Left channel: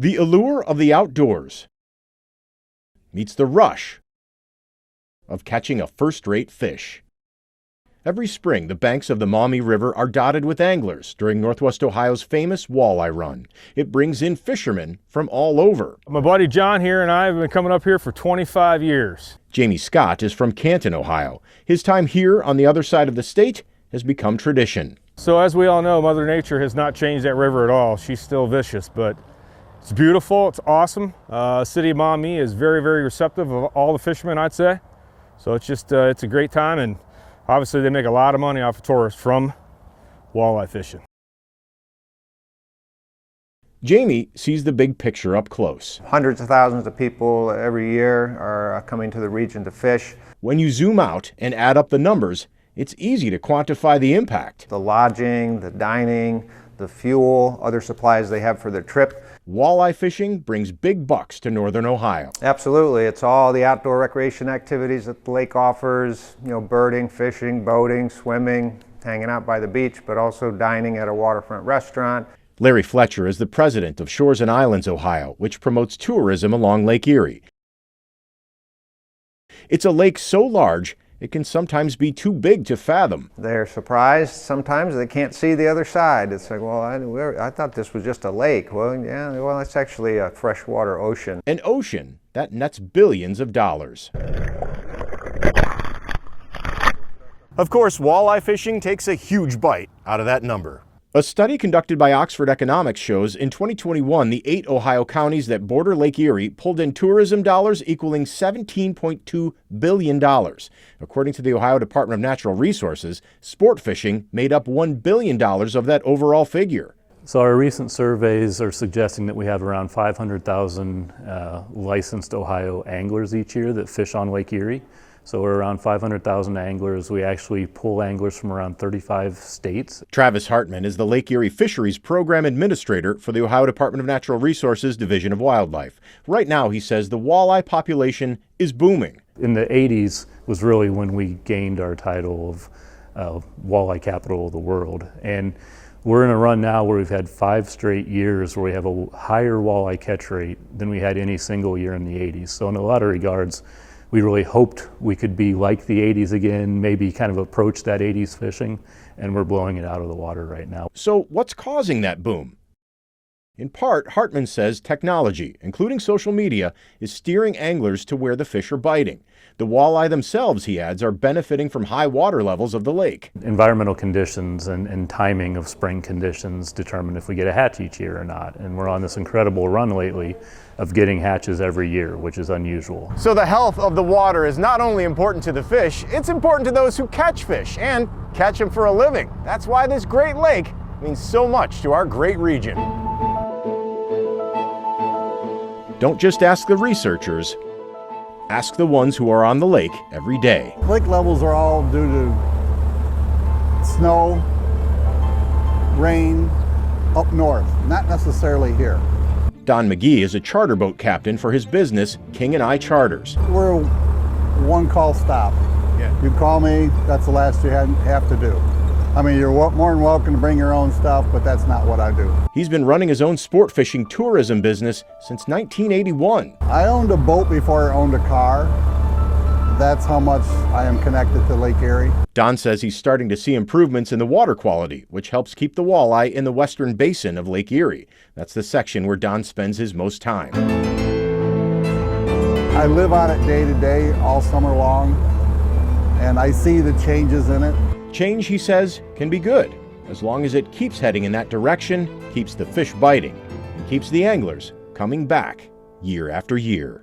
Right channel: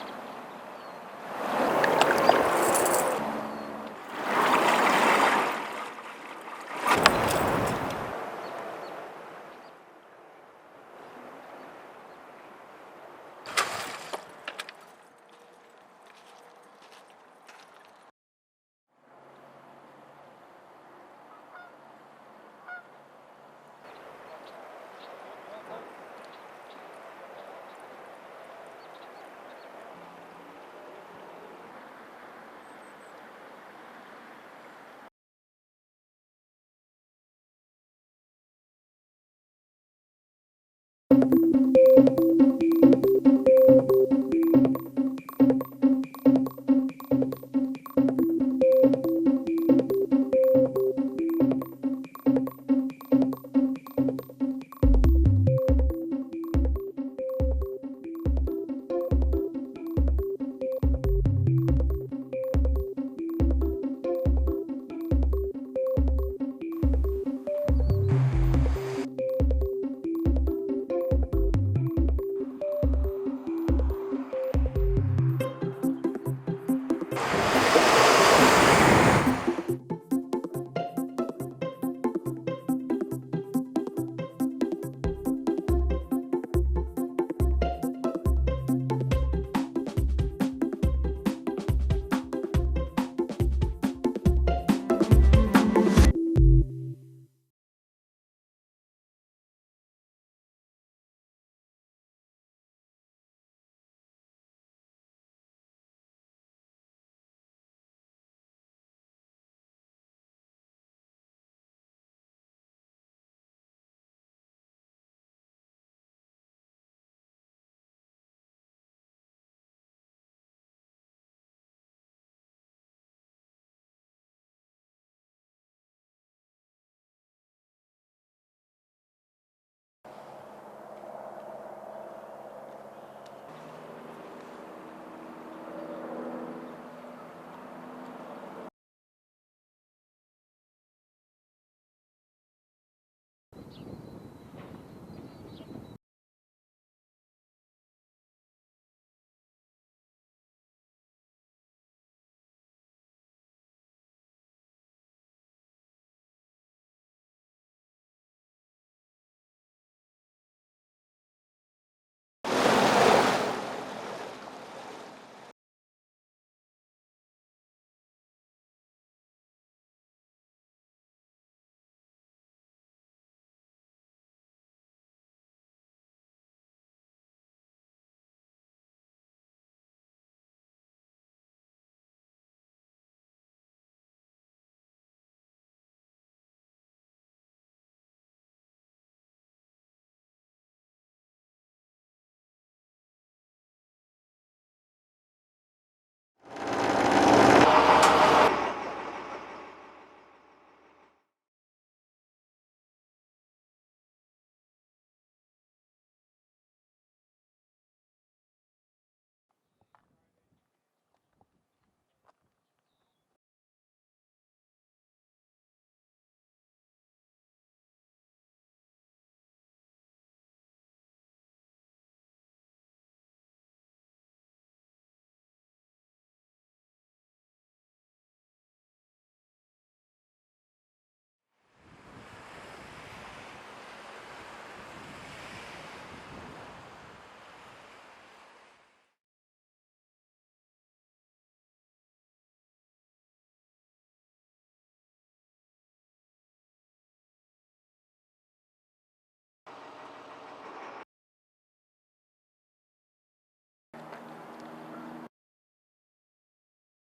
The allure of the outdoors meets the rush of catching a first-rate fish. Every spring, the banks of the Maumee River are dotted with anglers during Northwest Ohio's famous walleye run. It brings in fishermen from all over. My buddy John here and I have been coming up here for 25 years. Jamie Scott is from Canton, Ohio. His time here on the other side of the state has become tradition. So as we all know, Mother Nature has not changed that river at all. She's still vicious, but it's beautiful, it's awesome. City of Maumee is very, very receptive of all the fishermen, I'd say. So it's just, it's a great time, and obviously they make a lot of money off of tourists from walleye fishing. Jamie sees the big picture up close. Hundreds of thousands of people every year are coming to the region to fish. When you zoom out and add up the numbers, it's easy to quantify the impact. The lodging, the dining, the fuel, other supplies they have for their trip. Walleye fishing brings big bucks to northern Ohio. Absolutely, it's all the outdoor recreation activities that the lake offers, birding, fishing, boating, swimming, hanging out by the beach, but also dining at a waterfront restaurant. Larry Fletcher is the president of Shores and Islands, Ohio, which promotes tourism along Lake Erie. It's a lake so large, it can sometimes be too big to fathom. They're surprised sometimes they can't see the other side. It's like, well, I thought this was just a lake. Well, yeah, well, it's actually a freshwater ocean. An ocean that nets billions of dollars. Of course, walleye fishing takes a huge bite out of that number. A study conducted by Oxford Economics shows in 2021, the 8 Ohio counties that border Lake Erie pulled in tourism dollars equaling $17.2 billion. According to the Ohio Department of Natural Resources, sport fishing made up $1 billion of that overall figure. So our recent surveys are suggesting that we have around 500,000 licensed Ohio anglers each year that fish on Lake Erie. So we're around 500,000 anglers. We actually pull anglers from around 35 states. Travis Hartman is the Lake Erie Fisheries Program Administrator for the Ohio Department of Natural Resources Division of Wildlife. Right now, he says the walleye population is booming. In the 80s was really when we gained our title of walleye capital of the world. And we're in a run now where we've had 5 straight years where we have a higher walleye catch rate than we had any single year in the 80s. So in a lot of regards, we really hoped we could be like the 80s again, maybe kind of approach that 80s fishing, and we're blowing it out of the water right now. So what's causing that boom? In part, Hartman says technology, including social media, is steering anglers to where the fish are biting. The walleye themselves, he adds, are benefiting from high water levels of the lake. Environmental conditions and timing of spring conditions determine if we get a hatch each year or not. And we're on this incredible run lately of getting hatches every year, which is unusual. So the health of the water is not only important to the fish, it's important to those who catch fish and catch them for a living. That's why this great lake means so much to our great region. Don't just ask the researchers. Ask the ones who are on the lake every day. Lake levels are all due to snow, rain up north, not necessarily here. Don McGee is a charter boat captain for his business, King and I Charters. We're a one-call stop. Yeah. You call me, that's the last you have to do. I mean, you're more than welcome to bring your own stuff, but that's not what I do. He's been running his own sport fishing tourism business since 1981. I owned a boat before I owned a car. That's how much I am connected to Lake Erie. Don says he's starting to see improvements in the water quality, which helps keep the walleye in the western basin of Lake Erie. That's the section where Don spends his most time. I live on it day to day, all summer long, and I see the changes in it. Change, he says, can be good, as long as it keeps heading in that direction, keeps the fish biting, and keeps the anglers coming back year after year.